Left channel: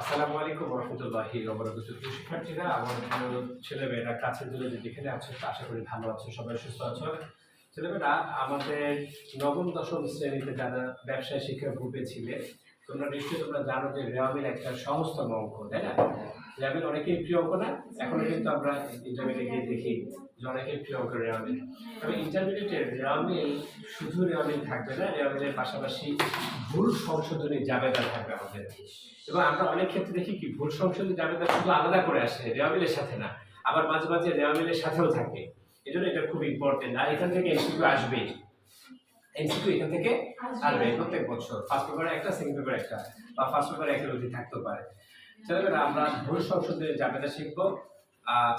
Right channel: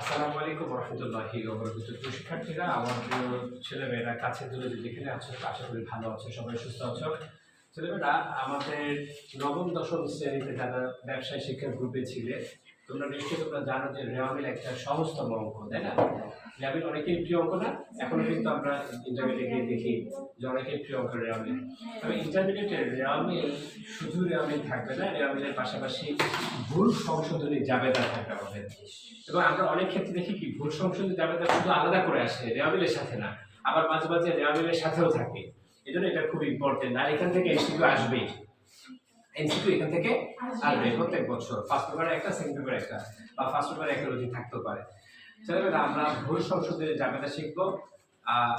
আসসালামু আলাইকুম রহমতুল্লাহি ওয়া বারাকাতুহু। শিক্ষার্থীরা, আমার প্রিয় ছেলেমেয়েরা, কাছে দূরে যেখানে আছো, আশা করি ভালো আছো, সবাই সুস্থ আছো। ছেলেমেয়েরা, আমাদের নবম দশম শ্রেণীতে যারা ব্যবসায় শিক্ষা গ্রুপে ছিলে, তোমরা জানো যে রেওয়ামিল একটা সহজতম অঙ্ক, তাই না? রেওয়ামিল অনেকেই প্রিয় অঙ্ক না? এখনো কিন্তু আমরা ইন্টারমিডিয়েটে গিয়ে দেখি যে অনেকেই প্রিয় অঙ্ক রেওয়ামিল। তবে ইন্টারমিডিয়েটে রেওয়ামিল শুধু রেওয়ামিল থাকবে না, রেওয়ামিলের পাশাপাশি ভুল সংশোধনী জাবেদা থাকবে আমাদের। এবং আমরা অনেক ক্ষেত্রে দেখি কি ভুল সংশোধনী জাবেদা শুধু আলাদা করে আসে, রেওয়ামিলের সাথে না, আবার মাঝে মাঝে রেওয়ামিলের সাথেও থাকে। এই জন্য এটা খুব ইম্পর্টেন্ট। আর এখান থেকে এমসিকিউ আসবেই, এমসিকিউ এখান থেকে আসবে প্রত্যেক বছর। ফার্স্ট পেপারে একটা, সেকেন্ড পেপারে একটা, বা ফার্স্ট পেপারে একটা অধিক থাকতেও পারে। ছেলেমেয়েরা, আমরা ভুল সংশোধনের জাবেদা শিখবো।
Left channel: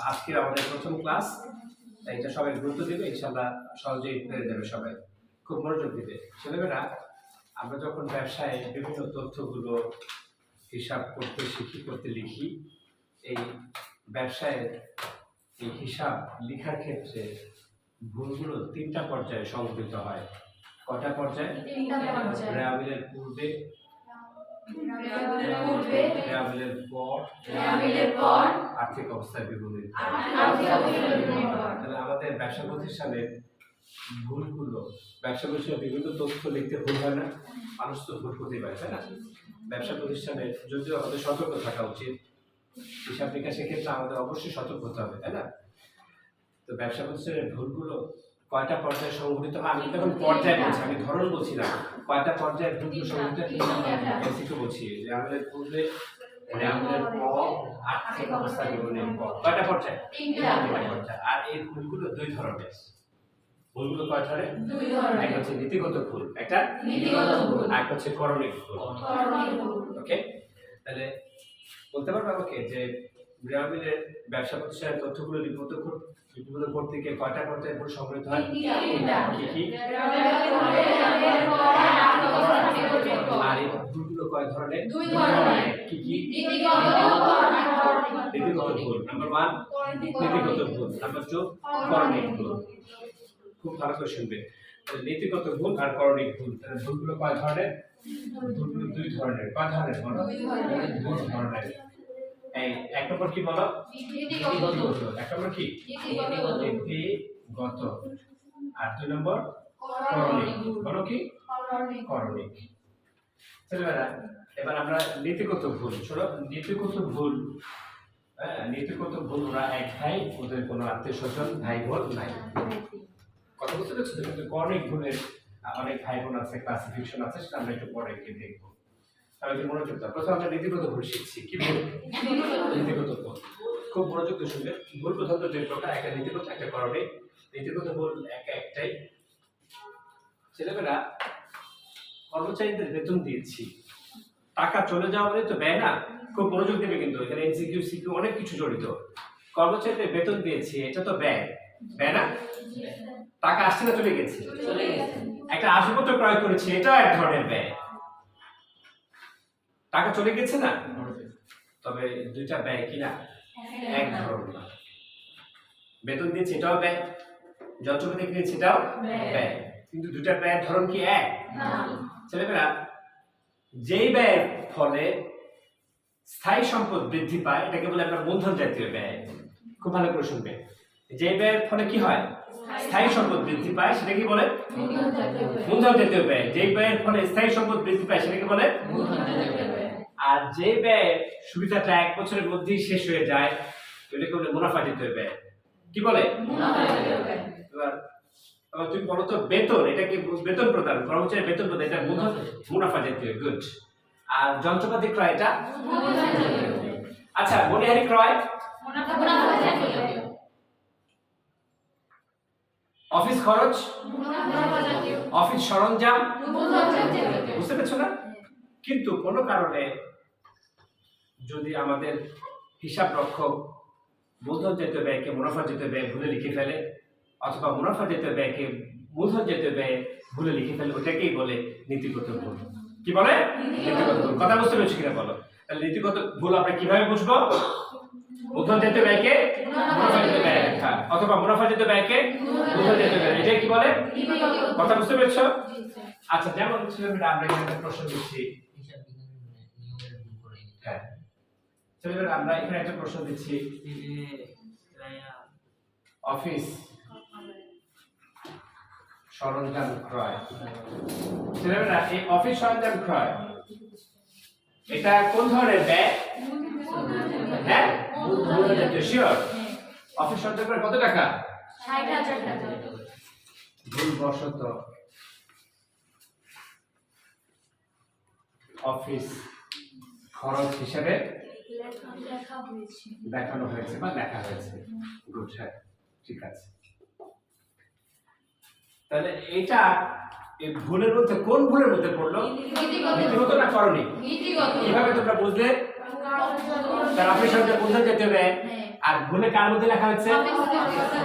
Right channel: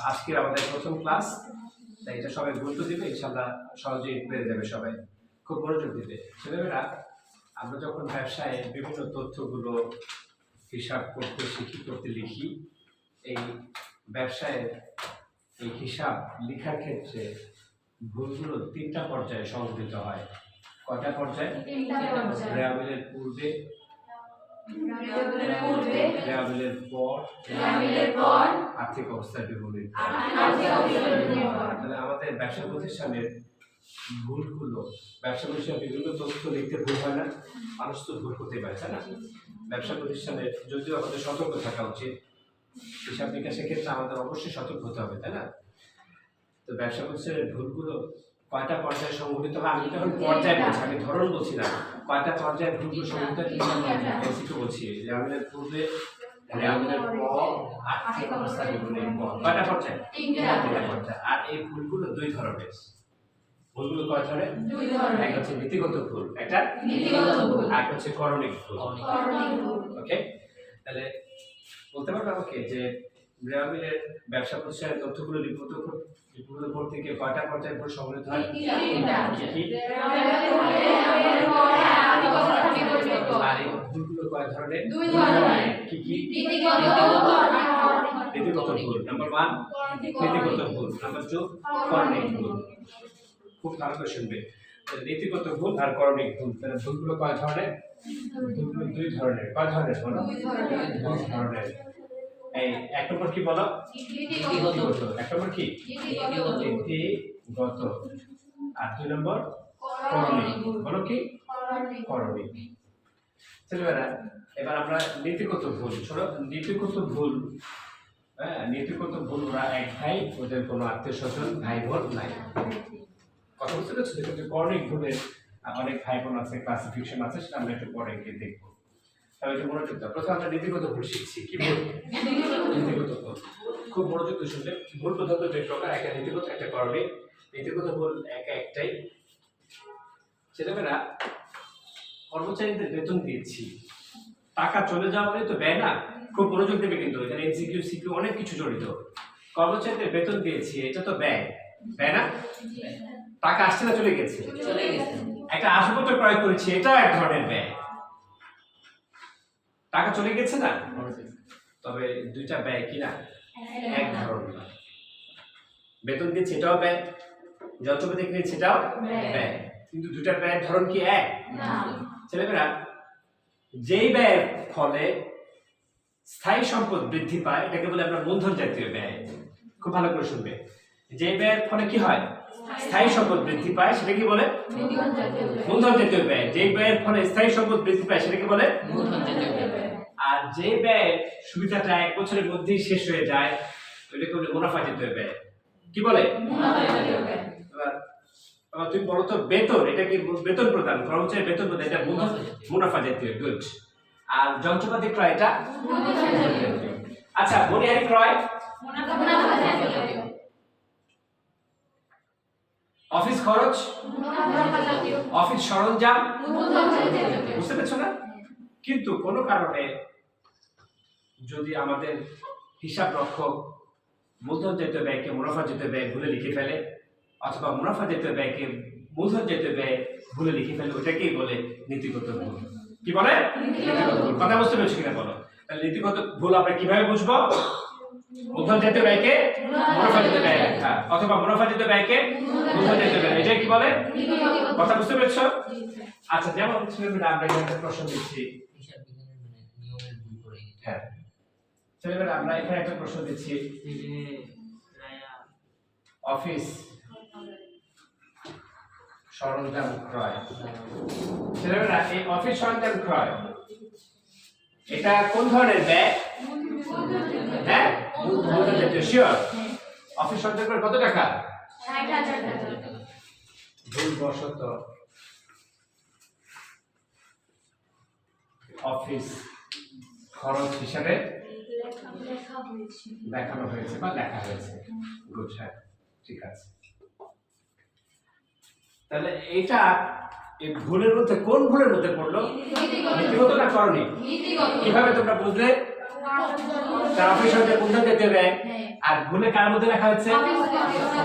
আজকের আমাদের প্রথম ক্লাস, তাই এটা সবাই গুরুত্ব দিবে, ইনশাআল্লাহ সহজেই পেরে যাবে সবাই। খুব মনোযোগ দিবে। ছেলেমেয়েরা, আমরা যখন ব্যবসায় বিভিন্ন তথ্যগুলো হিসাব করতে লিখি, এই ব্যবসায়ের এই হিসাব লেখার ক্ষেত্রে ভুলগুলো তিনটা পর্যায়ে সংঘটিত হয়। কয়টা পর্যায়ে? রেওয়ামিলের পূর্বে, রেওয়ামিলের পর, আর্থিক অবস্থার বিবরণীর পর। তাহলে আমাদের ব্যবসা প্রতিষ্ঠানের ভুলগুলো, ব্যবসা প্রতিষ্ঠানের বিভিন্ন তথ্য লিখতে ভুল হয় না? মানুষ তো ভুল করতে পারে, তাই না? ব্যবসা প্রতিষ্ঠানের যদিও আমাদের সতর্ক থাকা উচিত, হিসাব নিকাশের ক্ষেত্রে আমাদের অবশ্যই সতর্ক হতে হবে, তাই না? তো ব্যবসা প্রতিষ্ঠানের ভুলগুলো কয়টা পর্যায়ে সংঘটিত হয়? আমি এখন পর্যায়ে বলছি, আমি ধরন বলছি না। কয়টা পর্যায়ে ভুলগুলো সংঘটিত হয় বলছি। রেওয়ামিলের পূর্বে, রেওয়ামিলের পর, আর্থিক অবস্থা বিবরণীর পর। কয়টা পর্যায়ে? তিনটা পর্যায়ে। আর এই ভুলগুলো দুই ধরনের। ভুলগুলো কয় ধরনের? দুই ধরনের। একটা হচ্ছে নীতিগত ভুল, একটা আর হচ্ছে করণিক ভুল। ওকে, তাহলে বলতে পারবে আমাকে যে রেওয়ামিলের ব্যবসা প্রতিষ্ঠানের তথ্যগুলো লিপিবদ্ধ করতে গিয়ে কয়টা পর্যায়ে ভুল সংঘটিত হয়? কি কি? আর এই ভুলগুলো কয় ধরনের? দুই ধরনের। কি কি? নীতিগত ভুল। নাম্বার 1 নীতিগত ভুল, নাম্বার 2 করণিক ভুল। খুব ভালো করে শুনবে। নীতিগত ভুল আর করণিক ভুল, তাহলে ভুলগুলো কয় ধরনের? ভুলগুলো দুই ধরনের। কয় ধরনের বলো? দুই ধরনের। এই এক নম্বর কি বলো? নীতিগত। এক নম্বর কি? নীতিগত। আর দুই নম্বর করণিক। বলো কি? করণিক। ছেলেমেয়েরা, এবার আমরা নীতিগত ভুল। শোনো, নীতিগত ভুল, নীতিগত ভুল ওরা এক ভাই, ওদের কোনো আত্মীয় স্বজন ভাই বোন নাই। কথা বুঝতে পারছো? কিন্তু করণিক ভুলের অনেক ভাই বোন আছে, ক্লাসিফিকেশন আছে, সেটা আমরা একটু পরে গিয়ে দেখবো। তাহলে একটু মনোযোগ দাও। প্রথমে আমরা নীতিগত ভুল শিখছি। কি ভুল? নীতিগত ভুল। খুব মনোযোগ দিয়ে শুনবে। ভুল প্রধানত দুই প্রকার, একটা নীতিগত, একটা করণিক। নীতিগত ভুল একটাই। ছেলেমেয়েরা, কর্মচারীদের বেতন দিয়েছি, টাকা চলে যাওয়া মানে তো ব্যয় না? খুব মনোযোগ দেবে কিন্তু, এখানে এমসিকিউ সিকিউ অনেক কিছু জড়িত। কর্মচারীদের বেতন দিয়েছি, এটা তো ব্যয়, ব্যয় না? টাকা আসছে না চলে গেছে? একটা আসবাবপত্র ক্রয় করেছি, এটা এক ধরনের ব্যয়। টাকা চলে গেছে না? তবে দুইটা ব্যয় কিনা এক ধরনের না। বেতন দিয়েছি এটাও ব্যয়, যন্ত্রপাতি কিনেছি এটাও ব্যয়, কিন্তু দুইটা ব্যয়ের ধরন কি এক? ছেলেমেয়েরা, যেই ব্যয়ের ফলে স্থায়ী সম্পদ বৃদ্ধি পায় এটাকে বলে আমরা মূলধন জাতীয় ব্যয়। খুব ভালো করে শুনবে। যে ব্যয়ের ফলে কি হয়? স্থায়ী সম্পদ বৃদ্ধি পায়, সেটা কি বলে? মূলধন জাতীয় ব্যয়। যে ব্যয়ের ফলে স্থায়ী সম্পদ বৃদ্ধি পায় সেটাকে বলে মূলধন জাতীয় ব্যয়। আর যে ব্যয় সুবিধাটা এক বছরের মধ্যেই শেষ হয়ে যায় ওটাকে বলে মুনাফা জাতীয় ব্যয়। কি বলে? মুনাফা জাতীয় ব্যয়। এবার তুমি বলো তো, বেতন, এটা কি বেতন প্রদান, কর্মচারী বেতন প্রদান, এটা মুনাফা জাতীয়, গুড। আর যন্ত্রপাতি ক্রয়, এটা আচ্ছা, মনিহারি ক্রয় মুনাফা জাতীয়। অফিস খরচ মুনাফা জাতীয়। অফিস সরঞ্জাম মুনাফা জাতীয়। বুঝতে পেরেছো না? কিন্তু কোনো কারণে যদি আমাদের হিসাব রক্ষক মূলধন জাতীয় ব্যয়কে মুনাফা জাতীয় ব্যয় ভুলে লিখে ফেলে, অথবা মুনাফা জাতীয় ব্যয়কে মূলধন জাতীয় ব্যয় ভুলে লিখে ফেলে, ওটাকেই বলে নীতিগত ভুল। কি বলে? নীতিগত ভুল। কথা বুঝতে পেরেছো কিনা বলো? তাহলে নীতিগত ভুল আমরা কিভাবে বুঝবো? মূলধন জাতীয় ব্যয়কে মুনাফা জাতীয় ব্যয় লেখা, অথবা মুনাফা জাতীয় ব্যয়কে মূলধন জাতীয় ব্যয়, এটাই কি বলে? কথা বুঝতে পেরেছো? আচ্ছা, যেমন ছেলেমেয়েরা, আমরা এখানে একটা প্রশ্ন দিচ্ছি। হ্যাঁ, ছেলেমেয়েরা আমরা এখানে একটা প্রশ্ন দিচ্ছি, অফিস সরঞ্জাম ক্রয়। ছেলেমেয়েরা এই অফিস সরঞ্জাম ক্রয় এটা কোন ধরনের ব্যয়? হ্যাঁ, শিওর। অফিস সরঞ্জাম ক্রয় কত টাকা? ৬০,০০০ টাকা। ভুলবশত অফিস খরচ হিসেবে দেখানো হয়েছে বা লেখা হয়েছে। গুড, হ্যাঁ ঠিক আছে। তাহলে এইটা এই ভুলের মধ্যে কোন ভুলের মধ্যে পড়লো? নীতিগত না করণীয়? কিভাবে তোমরা বুঝলে? তার অফিস সরঞ্জাম কোন ধরনের যেতে হবে, আর ভুলে কার মধ্যে লেখা হচ্ছে?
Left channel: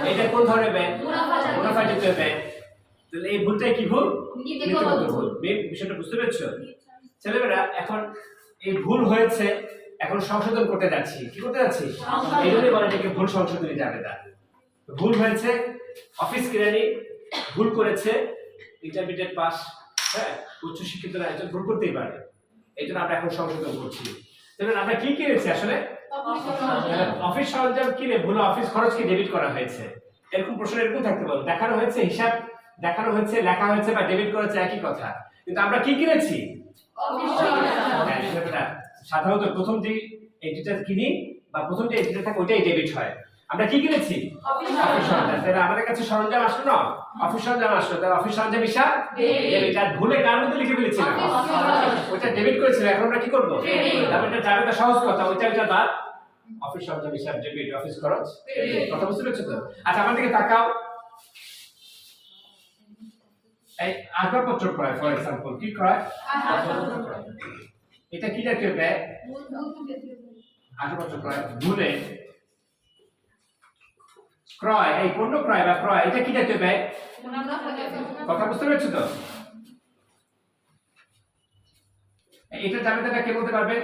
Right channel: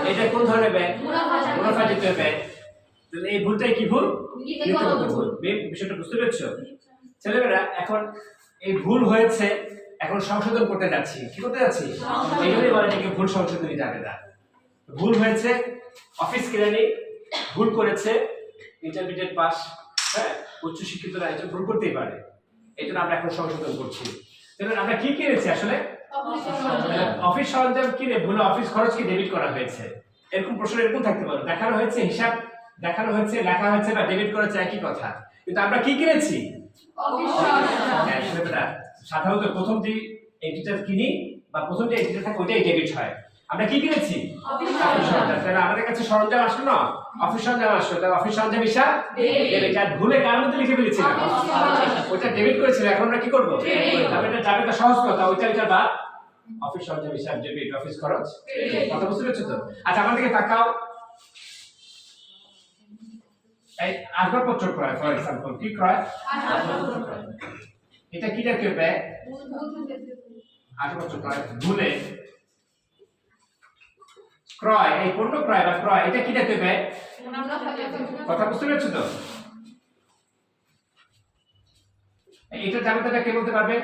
এটা কোন ধরনের ব্যয়? মুনাফা যেতে হবে। তাহলে এই ভুলটাই কি ভুল? নীতিগত ভুল। বিষয়টা বুঝতে পেরেছো ছেলেমেয়েরা? এখন এই ভুল হয়েছে, এখন সংশোধন করতে যাচ্ছি। কি করতে যাচ্ছি? এই জন্যই বলে যে ভুল সংশোধনী যাবে না। ভুল হয়েছে, অফিস কেরানি ভুল করেছে, ইন্টারমিডিয়েট পাস, হ্যাঁ উচ্চ শিক্ষিতরা একজন ভুল করতেই পারে, এই জন্য আমরা এখন সংশোধন করছি। তাহলে আমরা কি কিনেছি আসলে? অফিস সরঞ্জাম কিনে ভুলে অফিস খরচ কি ডেবিট করা হয়েছে? এরকম প্রশ্ন এরকম থাকতে পারে। দেখানো হয়েছে, হিসাব দেখানো হয়েছে, লেখা হয়েছে বা ডেবিট করেছে, একই কথা। কিন্তু আমরা কি কিনেছি? সাধারণত প্রথম যে এন্টিটি কিনি বা প্রথম যে এন্টিটি থাকে ওইটাই ডেবিট হয়। আমরা কি কিনেছি? অফিস সরঞ্জাম। তাহলে আমাদের কাছে সরঞ্জাম আসলো না, অফিস সরঞ্জাম আসলো। তাহলে অফিস সরঞ্জাম হিসাব ডেবিট। আর ভুলে কার মধ্যে লিখে ফেলেছিলাম? ওইটা ডেবিট করেছিলাম, এখন আমরা কি করব? তারপরে এটা যাবে, সহজ কথা, ওইটা এটা বাদ। অফিস সরঞ্জাম হিসাব ডেবিট, অফিস খরচ কথা বুঝতে পেরেছো তো? আচ্ছা আমার দিকে তাকাও। এই আসবাবপত্র ক্রয়, ফর এক্সাম্পল কি ক্রয়? আসবাবপত্র ক্রয়। এটা কি জাতীয় ব্যয়? আসবাবপত্র ক্রয়। ভুলে ক্রয়, এই পণ্য ক্রয় বা ক্রয়, এটা কি জাতীয় ব্যয়? কথা বুঝতে পেরেছো তো? এটা জাবেদাটা কে বলতে পারবে?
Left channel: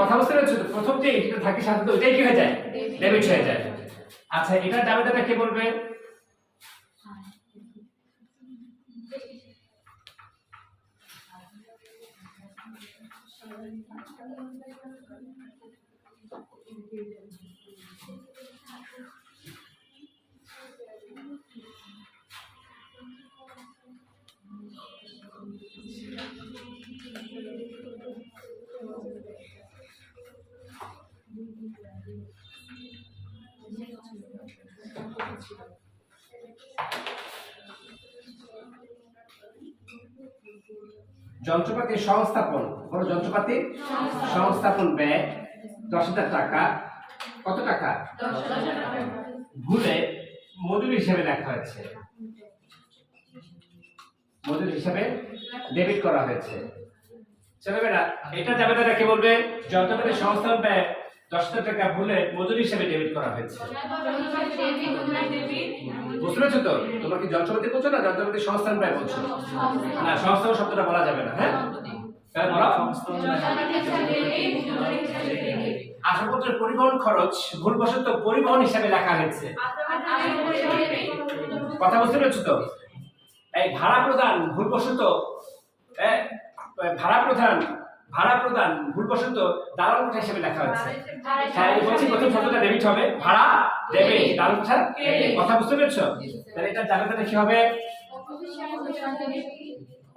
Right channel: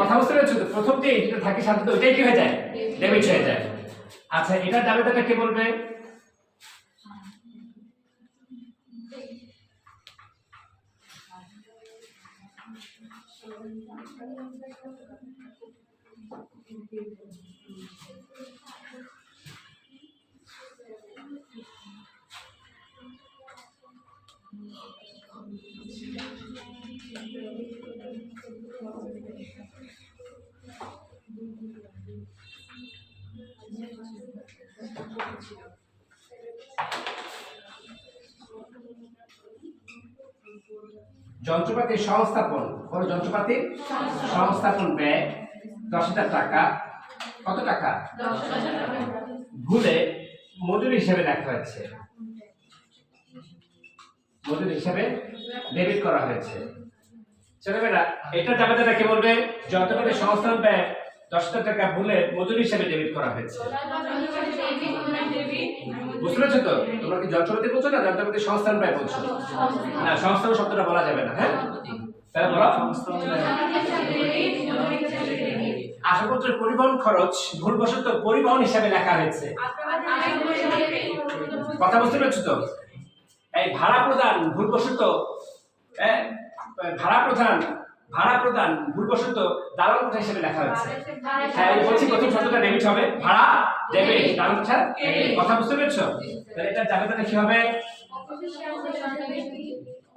কথা বুঝতে পেরেছো তো? প্রথম যে এটা থাকে সাথে ওইটাই কি হয়ে যায়? ডেবিট হয়ে যায়। আচ্ছা এটা জাবেদাটা কে বলবে? যন্ত্রপাতি সংস্থাপন, বড় যন্ত্রপাতি সংস্থাপন ব্যয় 10,000 টাকা। কত টাকা? 10,000 টাকা। ভুলে মজুরি হিসেবে লেখা হয়েছে, মজুরি হিসেবে ডেবিট করা হয়েছে। ছেলেমেয়েরা এটা জাবেদাটা কে বলবে? যন্ত্রপাতি সংস্থাপন ব্যয় 10,000 টাকা ভুলে মজুরি হিসেবে ডেবিট করা হয়েছে। বুঝতে পেরেছো তো? তোমরা কি যন্ত্রপাতি বলছো না যন্ত্রপাতি সংস্থান ব্যয় বলছো? না, সংস্থান শব্দটা বলা যাবে না। হ্যাঁ তাহলে বলো আসবাবপত্রের পরিবহন খরচ ভুলবশত পরিবহন হিসাবে লেখা হয়েছে। কথা বুঝতে পেরেছো তো? এই ভাড়া প্রদান ভুলবশত, ভাড়া প্রদান ভুলবশত দালাল কোঠা হিসেবে লেখা হয়েছে। হ্যাঁ বলছি প্রথম শব্দটা ডেবিট হবে, ভাড়া ডেবিট, দালাল কোঠা। কথা বুঝতে পেরেছো? তাহলে এটা জাবেদাটা কি হবে?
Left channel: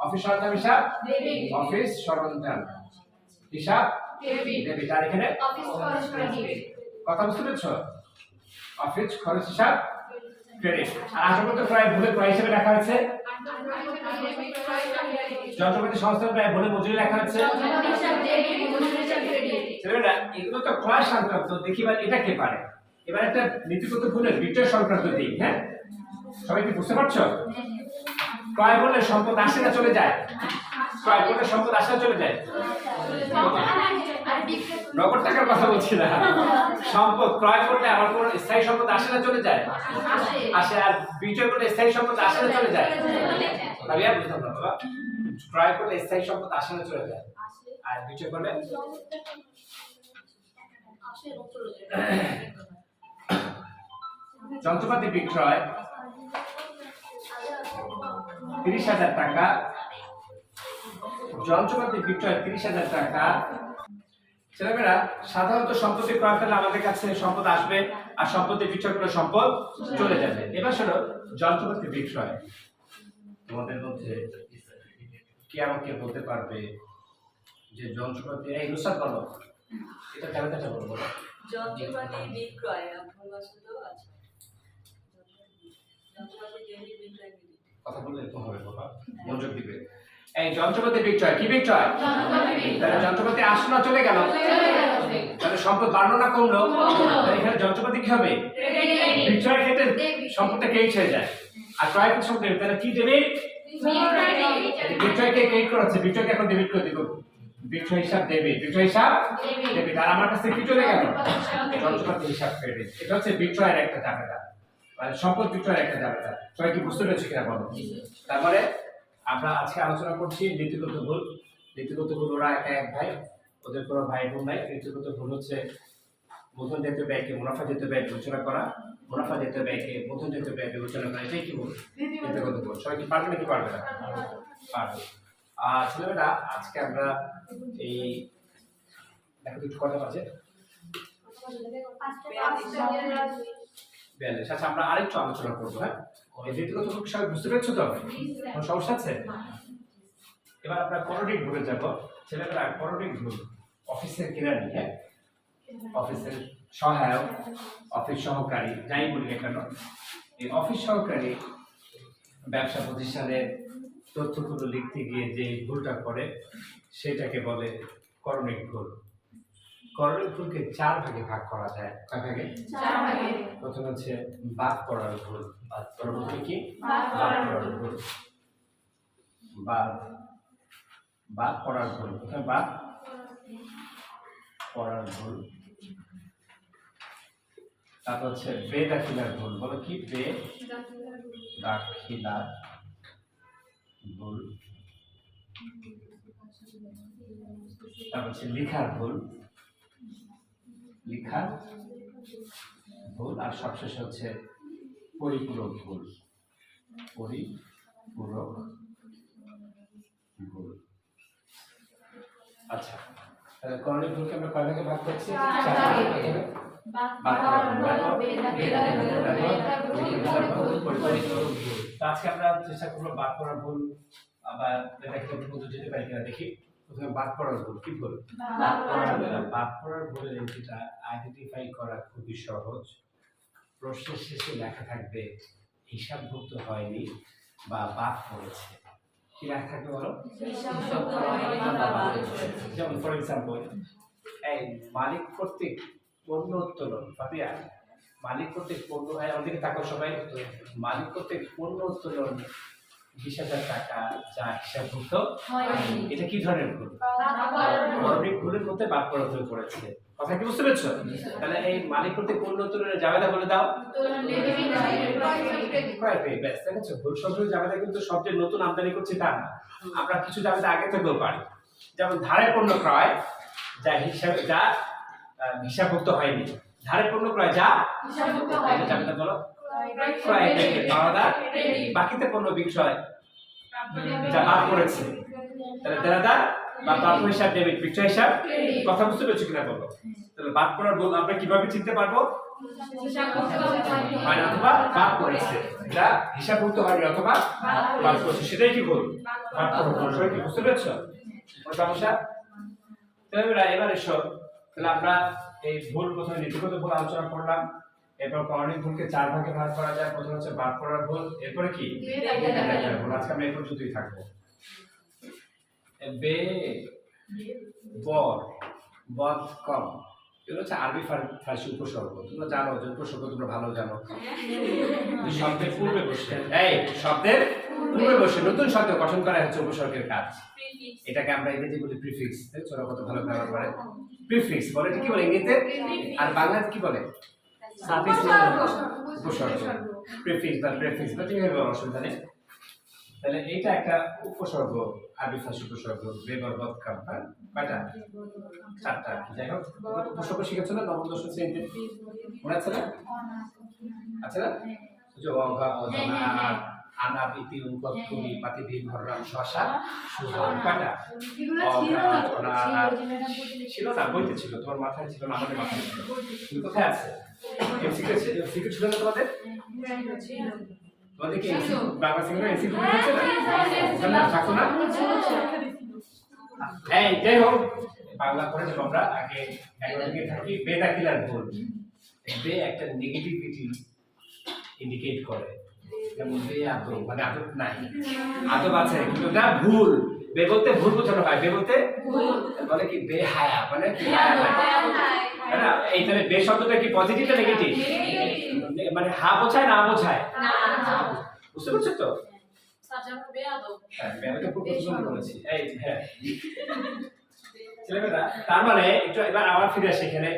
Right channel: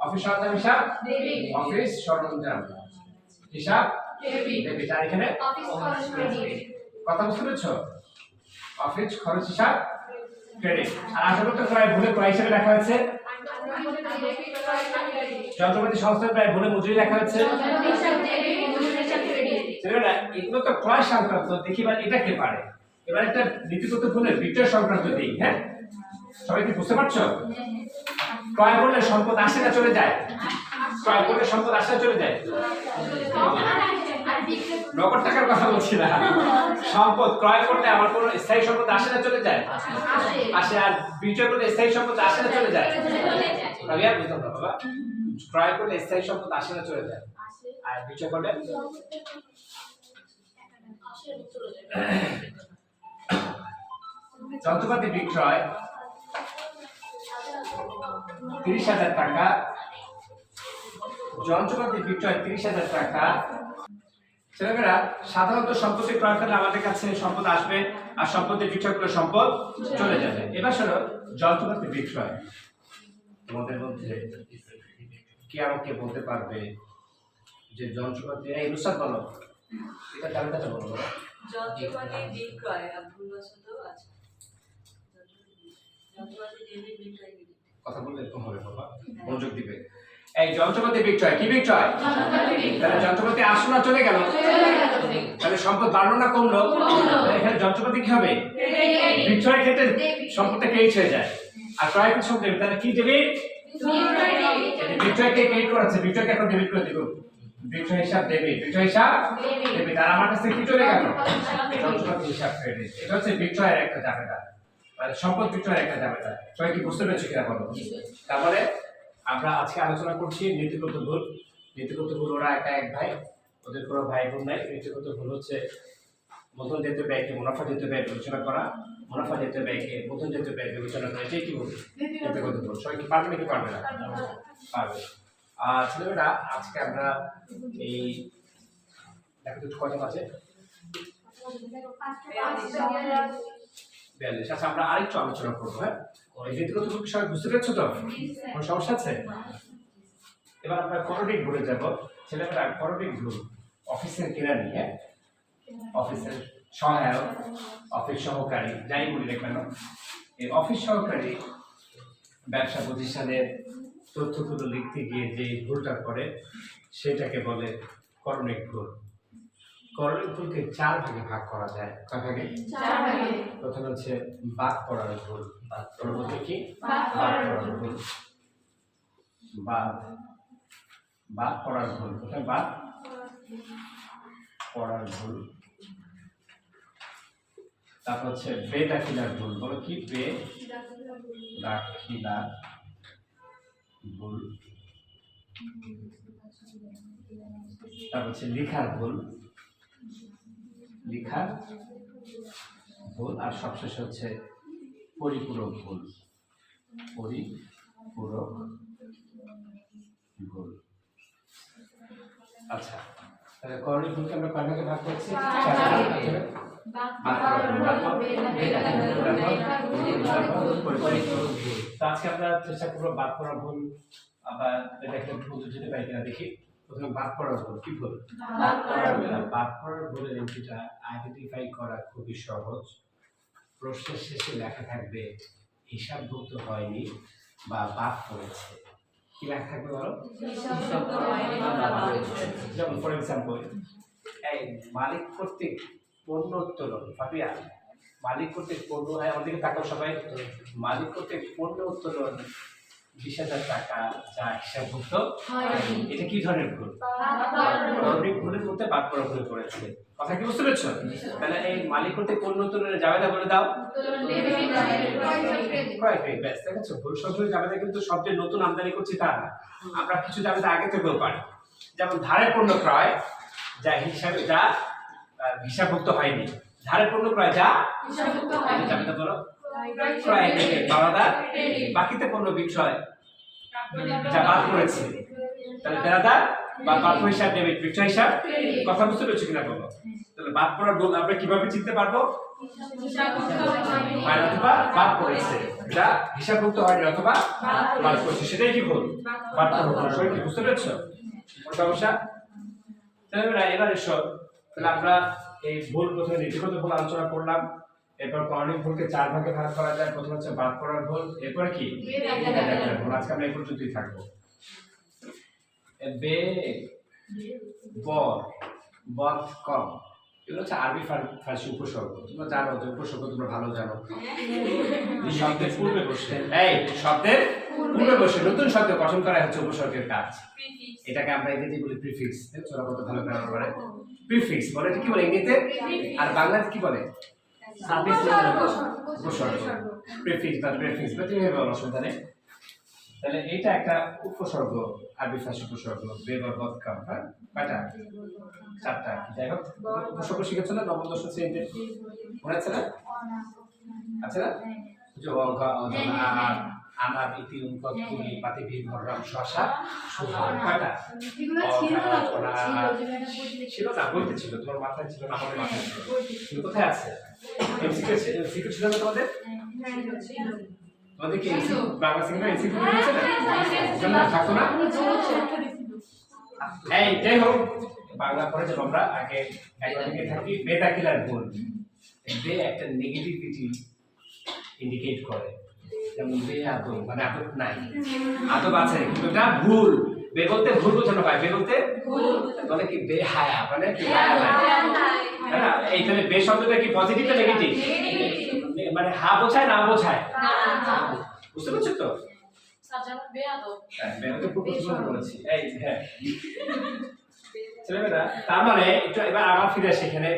অফিস সরঞ্জাম হিসাব অফিস সরঞ্জাম হিসাব ডেবিট। আর এখানে কথা বুঝতে পেরেছো? অফিস খরচ হিসাব ক্রেডিট। আর আসবাবপত্র ক্রয় ভুলে ক্রয় হিসেবে লেখা হয়েছে। যন্ত্রপাতি সংস্থান ব্যয় ভুলে মজুরি লেখা হয়েছে। ছেলেমেয়েরা এগুলো তো ক্রয় সংক্রান্ত। দেখি এবার এটা কে পারে? এবার একটা নীতিগত ভুলের বিক্রয় সংক্রান্ত দিক। হ্যাঁ সবাই কি বুঝতে পারছো? ক্রয় করলে সম্পদ আসে না চলে যায়? ক্রয় করলে সম্পদ আসে না চলে যায়? নগদ টাকার কথা বলছি না, সম্পদ ক্রয় করলে আমার কোনো স্থায়ী সম্পদ আসে না চলে যায়? আসে। আর বিক্রয় করলে স্থায়ী সম্পদ আসে না চলে যায়? আমি আর বুঝতাম না বাবা। ক্রয় করলে স্থায়ী সম্পদ আসে না চলে যায়, আর বিক্রয় করলে যন্ত্রপাতি বিক্রয় 30,000 টাকা, যন্ত্রপাতি বিক্রয় 30,000 টাকা, ছেলেমেয়েরা সাধারণত সম্পত্তি ক্রয় করলে আমাদের কাছে সম্পদ আসবে আর সম্পত্তি বিক্রয় করলে সম্পদ চলে যাবে। এবার শোনো যন্ত্রপাতি বিক্রয়, তোমাদের মধ্যে কে আমাকে বলতে পারবে যে যন্ত্রপাতি, এই নুসরাত বলো, এটা জানতে বলো বলো। যন্ত্রপাতি বিক্রয় ভুলবশত আছে। যন্ত্রপাতি ডেবিট বিক্রয় ক্রেডিট। কথা বললে এরকম হবে বাবা, মনোযোগ দিবে। এই যন্ত্রপাতি বিক্রয় কি বিক্রয়? তাহলে যন্ত্রপাতি আসলো না চলে গেল, তাহলে সম্পদ বাড়লো না কমলো? তাহলে এখানে যন্ত্রপাতি কি হবে? বিক্রয়ের ক্ষেত্রে সম্পদটা ক্রেডিট হয়ে যায়, আর ক্রয় ক্ষেত্রে সম্পদ ডেবিট। তাহলে কি ডেবিট? বিক্রয়কে ক্রেডিট করাচ্ছে, বিক্রয়কে এখন ডেবিট করে দিব। বিক্রয় হিসাব ডেবিট, বিক্রয় হিসাব ডেবিট। আর আমার কাছে কি চলে গেল? যন্ত্রপাতি হিসাব ক্রেডিট। এটা হচ্ছে বিক্রয়ের একটা ঝামেলা, মানে সম্পদ বিক্রয়ের একটা ঝামেলা। সবাই কি বুঝতে পেরেছো কিনা বলো? তারপরে আমরা আজকে আলোচনা করছি নীতিগত ভুল। নীতিগত ভুল, ওরা একা এক ভাই, ওদের কোনো ভাই বোন নাই। নীতিগত ভুল হচ্ছে মূলধন জাতীয় ব্যয়কে মুনাফা জাতীয় ব্যয় বিবেচনা করা, মুনাফা জাতীয় ব্যয়কে মূলধন জাতীয় ব্যয় বিবেচনা করা। এটাই কি ভুল? নীতিগত ভুল। সবাই কি পারবে নাকি পারবে না? পারবে। আর ছেলেমেয়েরা আজকে আমরা এই দেখো তো কয়টা বাজে? 42। আচ্ছা, আমরা আরেকটু আলোচনা করবো। হ্যাঁ, এই নীতিগত ভুল সবাই বুঝতে পেরেছো তো? কোনো সমস্যা আছে? এবার আমরা করণিক ভুলে যাব। ছেলেমেয়েরা করণিক ভুল অফিসের কেরানি, হ্যাঁ, অফিসের সহায়ক, অফিস সহকারী, যাই বলি না কেন, এই অফিস সহকারী ব্যবসা প্রতিষ্ঠানের তথ্যগুলো লিখতে গিয়ে যে ভুলটা করে সেটাকে বলে করণিক ভুল। করণিক ভুলকে 4 ভাগে ভাগ করা যায়। কয় ভাগে? 4 ভাগে। প্রথম হচ্ছে বাদ পড়ার ভুল। পরবর্তী কি? বাদ পড়ার ভুল। বাদ পড়ার ভুল। কোথায় বাদ পড়ার ভুল। তারপর হচ্ছে বেদাখিলার ভুল। বলো কি? বেদাখিলার ভুল। তারপর হচ্ছে লিখার ভুল, লিখার ভুল। আর সবশেষ হচ্ছে পরিপূরক ভুল, পরিপূরক ভুল। আচ্ছা, তাহলে করণিক ভুলকে আমরা কয় ভাগে ভাগ করছি? 4 ভাগে। আজকে আমরা চেষ্টা করবো বাদ পড়ার ভুল আবার বুঝতে যেতে পারি কিনা দেখি। প্রথমে বাদ পড়ার ভুল। কি ভুল? বাদ পড়ার ভুলের এন্ট্রিটা আইডেন্টিফাই করা খুবই সহজ। প্রশ্নের শেষে লেখা থাকবে হিসাবভুক্ত হয়নি বা বাদ পড়েছে। কি লেখা থাকবে বলো? যেমন ফর এক্সাম্পল, এই মালিক কর্তৃক পণ্য উত্তোলন। ফাপিয়া, মালিক কর্তৃক পণ্য, আমাদেরকে তাকাও সবাই। মালিক কর্তৃক পণ্য উত্তোলন 20,000 টাকা, যা হিসাবভুক্ত হয়নি। এটা কি ধরনের ভুল? করণিক ভুলের মধ্যে বাদ পড়া ভুল করেছে। কথা কি বুঝতে পেরেছো? তাহলে এই মালিক কর্তৃক পণ্য উত্তোলনের জাবেদা বলে দাও। ক্রয় ক্রেডিট। ব্যাস, দেখেছো? ভুল শব্দের জাবেদা কিন্তু সবচেয়ে নতুন আমদানি করছি তা না, আমরা কিছু জাবেদা আগে থেকেও পারি। যেমন ধারে পণ্য ক্রয়, যা হিসাবভুক্ত হয়নি। ধারে পণ্য ক্রয় যা হিসাবভুক্ত হয়নি, জাবেদা বলো ক্রয় ক্রেডিট। বাকিতে পণ্য বিক্রয় যা বাদ পড়েছে, তাহলে দেনাদার বা প্রাপ্য হিসাব ডেবিট, বিক্রয় হিসাব। কথা বুঝতে পেরেছো কিনা বলো? তাহলে বাদ পড়ার ভুল আমরা কিভাবে চিনতে পারবো? হয় অথবা বাদ পড়েছে, যা হিসাবভুক্ত হয়নি অথবা বাদ পড়েছে, সেটাই কি ভুল? বাদ পড়ার ভুল। সবাই কি বুঝতে পেরেছো? কোনো সমস্যা? তাহলে এবার এসো, তাহলে আমরা এই ভুল প্রথমে নীতিগত ভুল আলোচনা করলাম। এরপর করণিক ভুলকে 4 ভাগে ভাগ করা যায়। প্রথম হচ্ছে বাদ পড়ার ভুল, এরপরে কি? বেদাখিলার ভুল। আজকে আমরা এই পর্যন্তই থাকবো। বে বর বদ কম, এগুলো হচ্ছে আরবি ফার্সি উপসর্গ। তোমরা জানো যে উপসর্গ তোমরা ভালো জানো। শব্দের পূর্বে বসে, এই শব্দের পূর্বে বসে নতুন শব্দ গঠন করা হচ্ছে উপসর্গের কাজ। এটাকে আমরা ইংরেজি বলি প্রিফিক্স। তোরা কত ভালো ব্যবহার করে প্রিফিক্স বলে। এটা কি বলে ইংরেজিতে? আর বাংলাতে কি বলে? সাফিক্স উপসর্গ। প্রিফিক্স বা প্রিফিক্স বা তুমি বলো, অসুবিধা নেই। তাহলে এইটা একটা উপসর্গ, আরবি ফার্সি উপসর্গ। বে বর বদ কাম। হ্যাঁ, কয়টা? 4টা। যাই হোক, উপসর্গ শিখেছো না নবম দশম শ্রেণীতে? মনে আছে না? আচ্ছা না? যে অঙ্ক, আর আনাব ইতি উনকত কুলি পাতি ভি ভররাম শশা সুহা কয়টা এগুলো ছিল না তো, ওরা ছিল না বইতে ছিল তোমার মাথায় ছিল না আমাদের মাথায় ছিল কিন্তু কোথায় আছে এমসিকিউ ছিল না তোমাদের তোমাদের কি বাংলা সিংহ এমসিকিউ হচ্ছে না জানা থাকতো না এই যাই হোক বাংলা পড়ে যে আমরা আগে একদিকে থাকি বেদাখিলার ভুল বে একটা নেগেটিভিটি ইন্ডিকেট করে যেমন বে আদব মানে আদব নাই আদব আছে কিন্তু এটা ভুল বে বলতে ভুল বোঝানো হয় বে বলতে বলে কি বে হায়া মানে কি হায়া নাই তাই না এই তাহলে বে শব্দটা কি পজিটিভ না নেগেটিভ মানে হা বোঝায় না বোঝায় বুঝতে পারছো তো হ্যাঁ আমি তো প্রশ্ন করেছি এই হ্যাঁ ছেলেমেয়েরা তার মানে একটু এবার আবার ফিরে আসি এখানে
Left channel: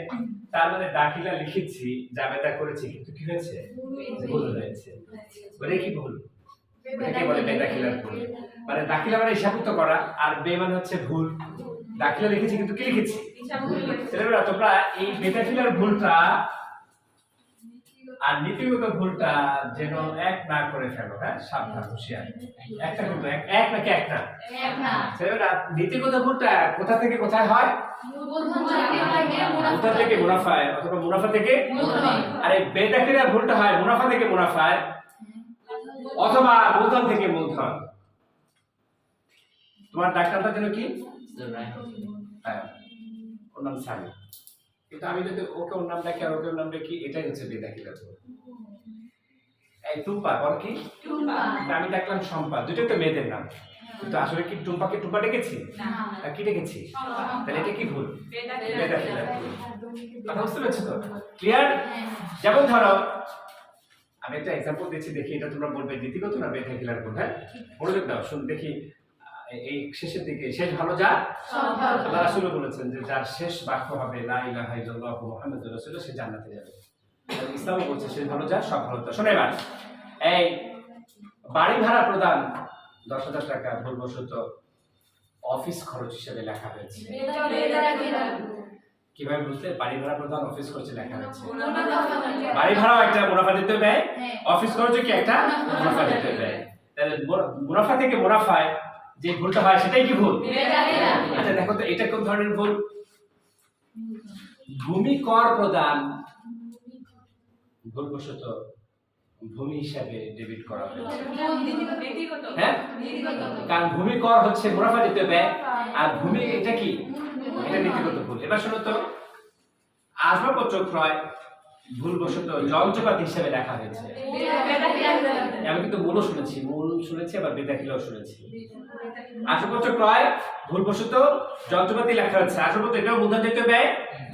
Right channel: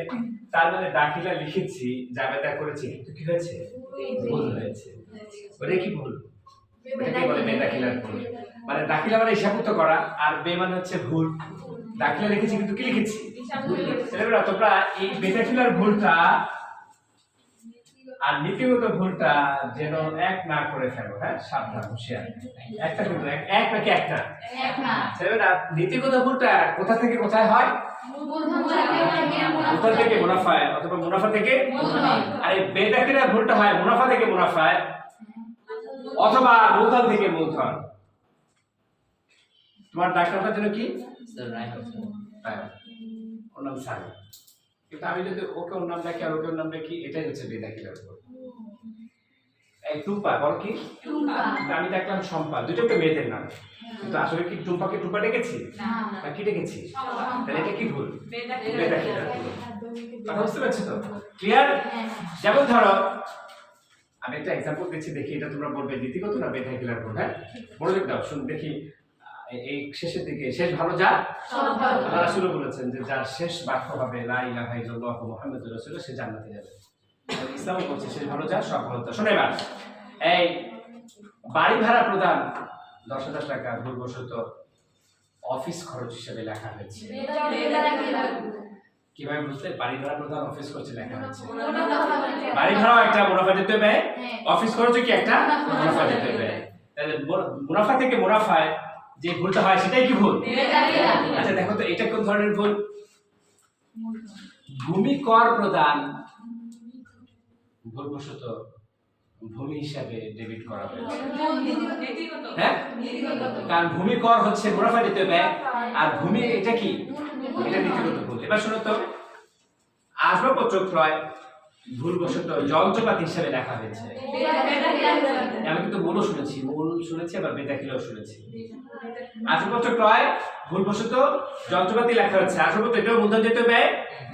তার মানে দাখিলা লিখেছি জাবেদা করেছি কিন্তু কি হয়েছে ভুল হয়েছে বলে কি ভুল এটাকে বলে বেদাখিলার ভুল মানে দাখিলা মানে হিসাবুক্ত করা আর বে মানে হচ্ছে ভুল দাখিলা লিখেছি কিন্তু কি লিখেছি ছেলেমেয়েরা তোমরা এই বেদাখিলার ভুলটা আর নীতিগত ভুলটা যেন এক না করে ফেলো হ্যাঁ সাবধান হুঁশিয়ার একটা কিন্তু এক নাকি একটা ছেলেমেয়েরা নীতিগত ভুলটা কোথা থেকে কোথায় হয় মুনাফা থেকে মুনাফায় অথবা মুনাফা থেকে আর এই বেদাখিলার ভুলটা হয় মুনাফা থেকে মুনাফায় অথবা মূলধন থেকে মূলধন তোমার ডাক্তারটার জন্য কি ওর নাম সানি কিন্তু আমি যদি ওকে ওর নাম ডাকি আর ওকে ওর নাম ডাকি এটাই হচ্ছে বেদাখিলার ভুল এই টুম্পা বল কি আমি দেখলাম সম্পা দুটো তো মেয়েদের নাম কিন্তু আসলে কি টুম্পাকে টুম্পা ডেকেছি না কি ডেকেছি তাহলে এটা কি ভুল বেদাখিলার ভুল কথা বুঝতে পারছো তো ক্লিয়ার যেমন ধরো আমি একটা এক্সাম্পল দিচ্ছি দেখি এটা তোমরা বলবে নীতিগত না বেদাখিলার ভুল হ্যাঁ মনোযোগ দাও শুন দেখি এই শেষের দিকে শেষ ভালো যা আল্লাহ রাসূল বলেছেন যে যার শেষ বাক্য হবে লা ইলাহা ইল্লাল্লাহু মুহাম্মাদুর রাসূলুল্লাহ সে জান্নাতে যাবে ইসলাম বলছে শেষ ভালো যা সব ভালো তা শুনে এবার এই বাড়ি ভাড়া প্রদান 10,000 টাকা ভুলবশত অফিস খরচ হিসেবে লেখা হয়েছে কিভাবে বুঝলে বাড়ি ভাড়া প্রদান অফিস খরচে লেখা হয়েছে বাড়ি ভাড়াও একটা মুনাফা দিতে ব্যয় অফিস খরচে কি একটা মুনাফা দিতে ব্যয় তাহলে মুনাফা থেকে মুনাফায় যে ভুলটা হয় সেটাই কি ভুল আচ্ছা দেখো তো এটা কোন ধরনের ভুল ভূমি কর প্রদান ভুলবশত ভূমি হিসাবে ডেবিট করা হয়েছে হ্যাঁ কারণ ভূমি কর হচ্ছে মুনাফা দিতে ব্যয় আর ভূমি এটা কি এটা নীতিগত ভুল এবার শোনো তো আসবাবপত্র ক্রয় ভুলবশত যন্ত্রপাতি হিসাবে লেখা হয়েছে আমি কিন্তু মূল শুনেছি আবার বেদাখিলাও শুনেছি আসবাবপত্র ক্রয় ভুলবশত যন্ত্রপাতি লেখা হচ্ছে আসবাবপত্র এটাও মূলধন যেতে ব্যয়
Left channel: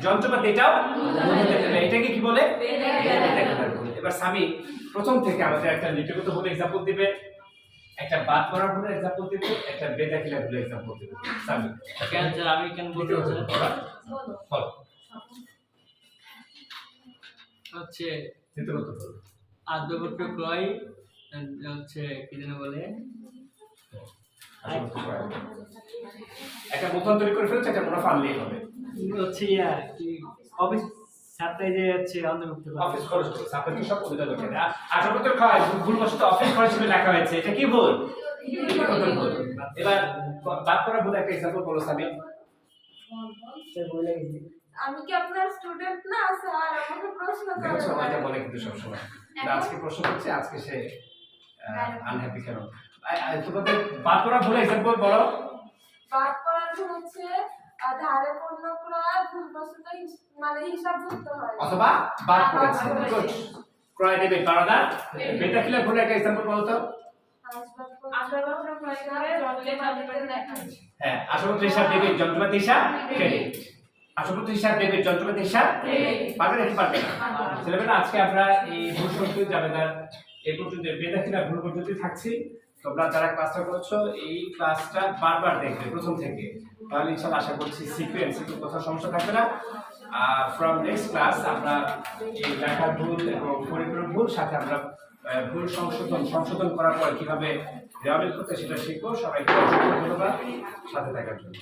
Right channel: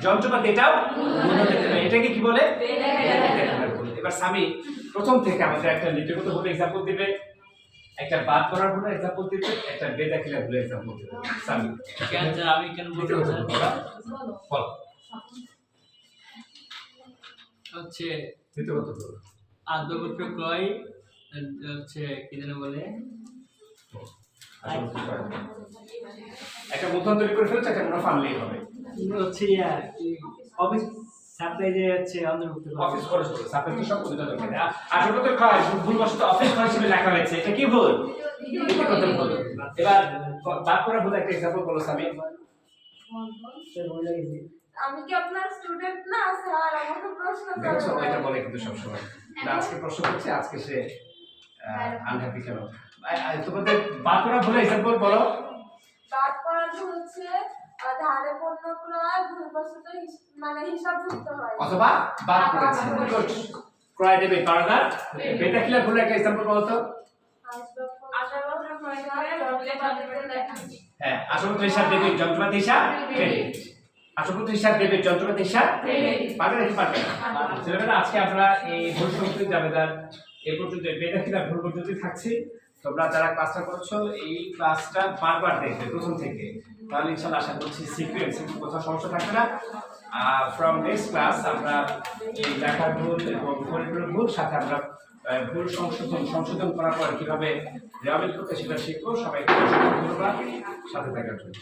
যন্ত্রপাতি এটাও মূলধন যেতে ব্যয় এটাকে কি বলে বেদাখিলার ভুল এবার স্বামী প্রথম থেকে আমাদের একটা নীতিগত ভুল এক্সাম্পল দিবে একটা বাদ করার ভুল এক্সাম্পল দিবে একটা বেদাখিলার ভুল এক্সাম্পল দিবে স্বামী কেন আমি কেন বলতে বল হচ্ছে নীতিগত ভুল আসবাবপত্র ক্রয় হচ্ছে কি যেন বলে একটা মূলধন তৈরি করে ফেলছে একটা মুনাফা আনলেই হবে হচ্ছে অফিস সাপ্লাই যে হচ্ছে অন্তর্ভুক্ত অফিস খরচ সাপেক্ষ সব উদ্যোগ দরকার আসবাবপত্র ক্রয় ভুলবশত অফিস খরচ হিসেবে লেখা হয়েছে এটা কি ভুল নীতিগত ভুল এবার বাদ করা ভুল একটা এক্সাম্পল বলো স্বামী আমি কি আপনার স্টুডেন্ট না স্যার আমাকে প্রশ্ন দেখছো করেন এটা বলে কিন্তু সব সময় আজকে প্রশ্ন করছে আজকে সে আনহ্যাপি কেন তোমাদের বাদ করা ভুল এক্সাম্পল বলো বাদ করার হচ্ছে ধারে পণ্য ক্রয় ভুলবশত মানে হিসাবভুক্ত হয় অথবা বাদ করেছে গুড ক্রয় দেবে পারাদার বেদাখিলার ভুল একটা এক্সাম্পল বলো তো আসবাবপত্র ক্রয় করে যন্ত্রপাতিতে লেখা আছে। হ্যাঁ আসবাবপত্র হিসাব দেবে যন্ত্রপাতি হিসাব ক্রেডিট আসবাবপত্র হিসাব দেবে যন্ত্রপাতি হিসাব পারবে নাকি পারবে না ছেলেমেয়েরা আজকে আমরা এই ভুল সংস্কৃত জাবেদার এই পর্যন্ত বেদাখিলার ভুল পর্যন্ত থাকছি তোমরা যারা ক্লাসটা করছো এই ক্লাসটা বারবার দেখবে প্রথম থেকে তাহলে ইনশাআল্লাহ আশা করছি সিকোয়েন্স একটু কোথাও সমস্যা থাকবে না ফ্রম নেক্সট ক্লাস আমরা এই লেখার ভুল এবং পরিপূরক ভুল সাথে আমরা ভুল সংশোধন করার পর কিভাবে রিহাবিল করতে সেটা শিখবো সবাইকে ধন্যবাদ সাথে থাকার জন্য